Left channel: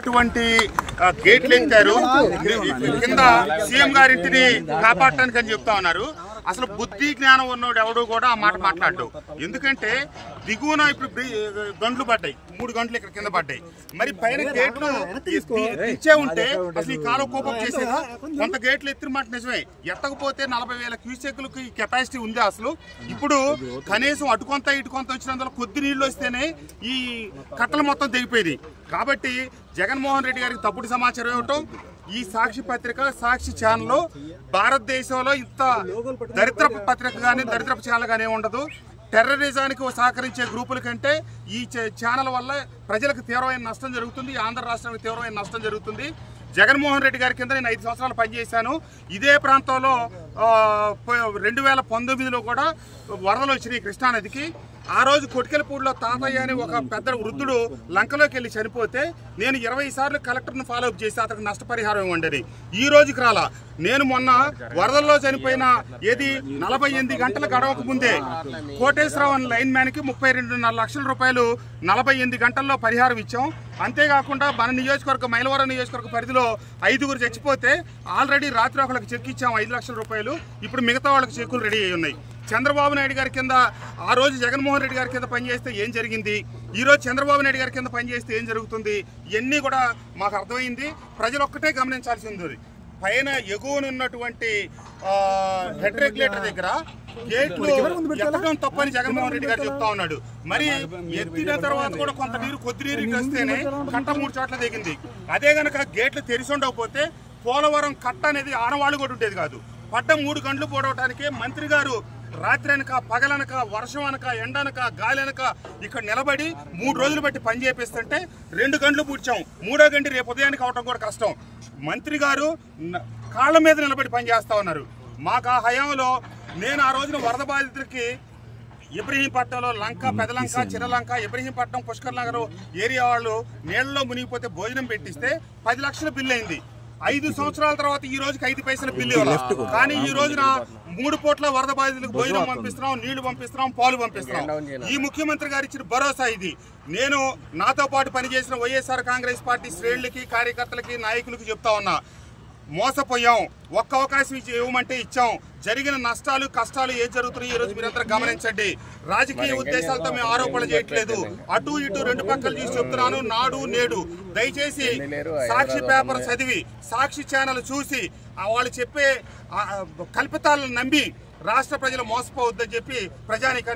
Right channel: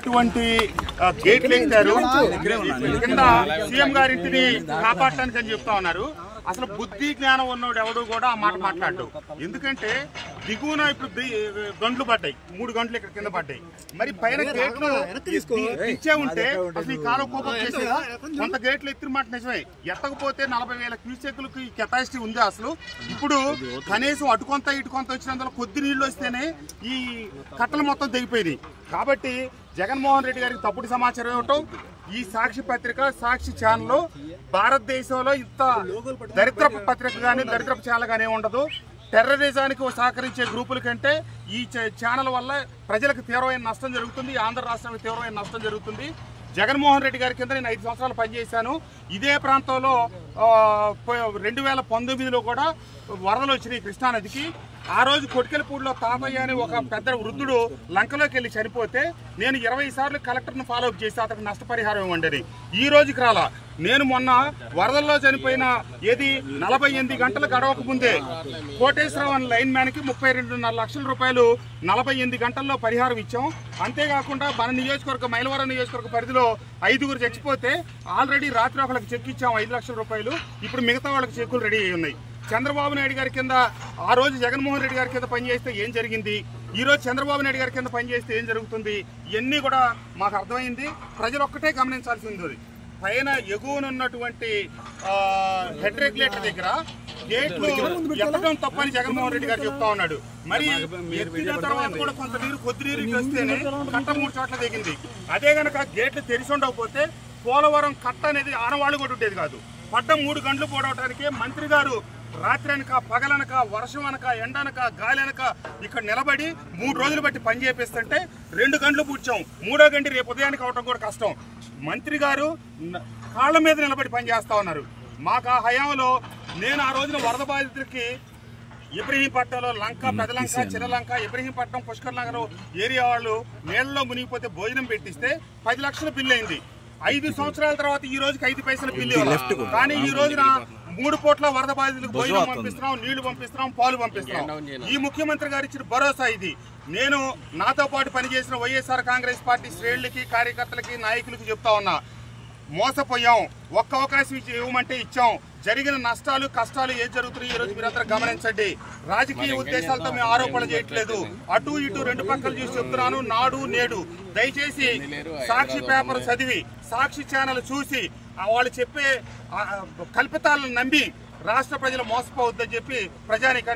అటువంటి గేట్లు ఎక్కారు కింద సీఎం గారింటిని కాపాడటానికి అని చెప్తా ఉన్నారు. అసలు బుద్ధి జ్ఞానం ఉన్నోడు ఎవడు కూడా ఆ మాట మాట్లాడు. ఎందుకంటే దిగువన ఇప్పుడు గంటలు పడ్డాయి, 3 గంటలు ఇక్కడ కింద పడ్డాయి. మరి పైన గేట్లు ఇచ్చే ఉంటే అసలు ఈ కాలం కోపం చేసేదా? కొంత గేట్లు ఎత్తిన మాట నిజమే, ఎత్తకపోతే 40,000 క్యూసెక్లకు కెపాసిటీ ఉంది. అసలు ఇప్పుడు కనీసం అటుకొంత ఇటుకొంత వచ్చినందులో కొద్ది నీళ్లు వస్తేనే ఈ కట్టలు మొత్తం తెగిపోయింది. కాబట్టి జగన్మోహన్ రెడ్డి గారికి తప్పుడు సమాచారం ఇవ్వటం, ఈ సాక్షి పత్రిక సాక్షి ఛానల్ భారతదేశంలో ఇంత దరిద్రపు పత్రిక కానీ దరిద్రపు ఛానల్ కానీ ఉండదు. టెర్రరిజానికి సహకరించే గ్రూపుల కంటే ఈ ఛానల్ వల్ల ప్రజలకు తీవ్రమైన నష్టం జరుగుతుంది, ఆంధ్ర రాష్ట్రానికి తీవ్రమైన నష్టం జరుగుతుంది. జగన్మోహన్ రెడ్డి గారి కింద నేను 5 సంవత్సరాలు పనిచేశాను. ఇదే ప్రాంతంలో 2019లో కూడా వరదలు వచ్చినాయి కృష్ణానదికి. ఆ రోజు కొటికెలపూడిలో తాతయ్య అని ఒక పెద్ద వృద్ధుడు లంకలోకి వెళ్ళి చనిపోతే నేను 20 సార్లు కలెక్టర్ను ఫాలోఅప్ చేసి అతనికి నష్టపరిహారం ఇవ్వండి. ఈ రోజుకి రాలా. నేను మొన్న వరదల్లో చనిపోయిన 48 గంటలు గడవక ముందే కోటేశ్వరరావు అనే లైన్ మ్యాన్కి 32.5 లక్షల రూపాయలు 48 గంటల్లో పరిహారం ఇచ్చాం. అంతేకాకుండా మన నియోజకవర్గ మైలవరం నియోజకవర్గ పరిధిలో 5గురు చచ్చిపోతే ఆల్రెడీ రాత్రి ఒకళ్ళకి చెక్ ఇచ్చాం 5 లక్షల రూపాయలు. ఇప్పుడు మిగతా వాళ్ళకి చెక్కులు రెడీ అయి ఉన్నాయి. చంద్రబాబు నాయుడు గారి కింద ఆ రోజు జగన్మోహన్ రెడ్డి గారి కింద పనిచేస్తే ఏం జరిగింది, ఈరోజు చంద్రబాబు నాయుడు గారి కింద పనిచేస్తే ఏం జరుగుతుంది, ఇవన్నీ కూడా మాకు అర్థమైంది. ప్రజలు ఒక్కటే గమనించాల్సి ఉంది. పైన ఎగువనున్నటువంటి హెడ్ రెగ్యులేటర్ దగ్గర గేట్లు ఎత్తడం తప్పని జగన్మోహన్ రెడ్డి గారు చెప్తా ఉన్నాడు. మరి ఎత్తిన తర్వాత కూడా కొంత నీరు కొద్ది నీరు ఇటు వస్తేనే కట్ట 3 చోట్ల దిగింది. అదే గనక గేట్లు తెరిచి ఉండకపోతే పోలవరం కట్ట అనేది ఆనవాళ్ళు కూడా ఉండేది కాదు. పడ్డ 3 గంటలు పోవడానికే మంత్రి గారు రాత్రి అనక పగలనక వర్షం అనక ఎండనక గాలి అనక ఇక్కడ నిలబడి 3 రోజులు బట్టి పని చేపిస్తుంటే 2 గంటలు పూడ్చాం. 3వ గంట రేపు ఉదయానికి అవడం కూడా కష్టం. మంత్రి గారు కాళ్ళ మీద నిలబడి పని చేస్తా ఉన్నారు. మాకు ఆ హయాంలో నేను ఆ రోజున వరద బాధితులకి ఇబ్రహీంపట్నంలో లంక, పెదలంక, చిన్నలంక, ఇబ్రహీంపట్నం, పుష్కర్ నగర్ ఏరియా వాళ్ళు నీళ్లలో మునిగిపోతే భోజనం పెట్టిస్తే 10 లక్షల బిల్లు అయింది. 5 సంవత్సరాల తర్వాత ఈ రోజుకి 5 పైసల బిల్లు. కానీ ఈ రోజున 3 పూట్ల వరద బాధితులకు భోజనం పంపిస్తున్నాం, నీళ్లు పంపిస్తున్నాం, పాలు పంపిస్తున్నాం. ఈ ముఖ్యమంత్రి గారు ఇచ్చిన భరోసా ఇది. నేను నాతో పాటు పనిచేసిన వైఎస్ఆర్ కాంగ్రెస్ పార్టీ శ్రేణులకి, కార్యకర్తలకి, నాయకులకి చెప్తా ఉన్నా, మోసపోయాం. ఒక్క అవకాశం ఇవ్వమంటే ఇచ్చాం. జరిగిన నష్టాలు కష్టాలు ఏం జరుగుతున్నాయి ఈ రోజు మీరందరూ గమనించండి. రాజకీయ ఉద్దేశాలతో మేము ఆరోపణలు చేయట్లేదు. అటు ఇటు 2 పక్కలు చూసి చెప్తున్నాను. నాడు నేడు దయచేసి సాక్షి పేపర్ చదివి సాక్షి ఛానల్ చూసి వాళ్ళు చెప్పే కల్పితాలను నమ్మి రాష్ట్ర ప్రజలు మోసపోవద్దని చెప్పి ప్రజానీకానికి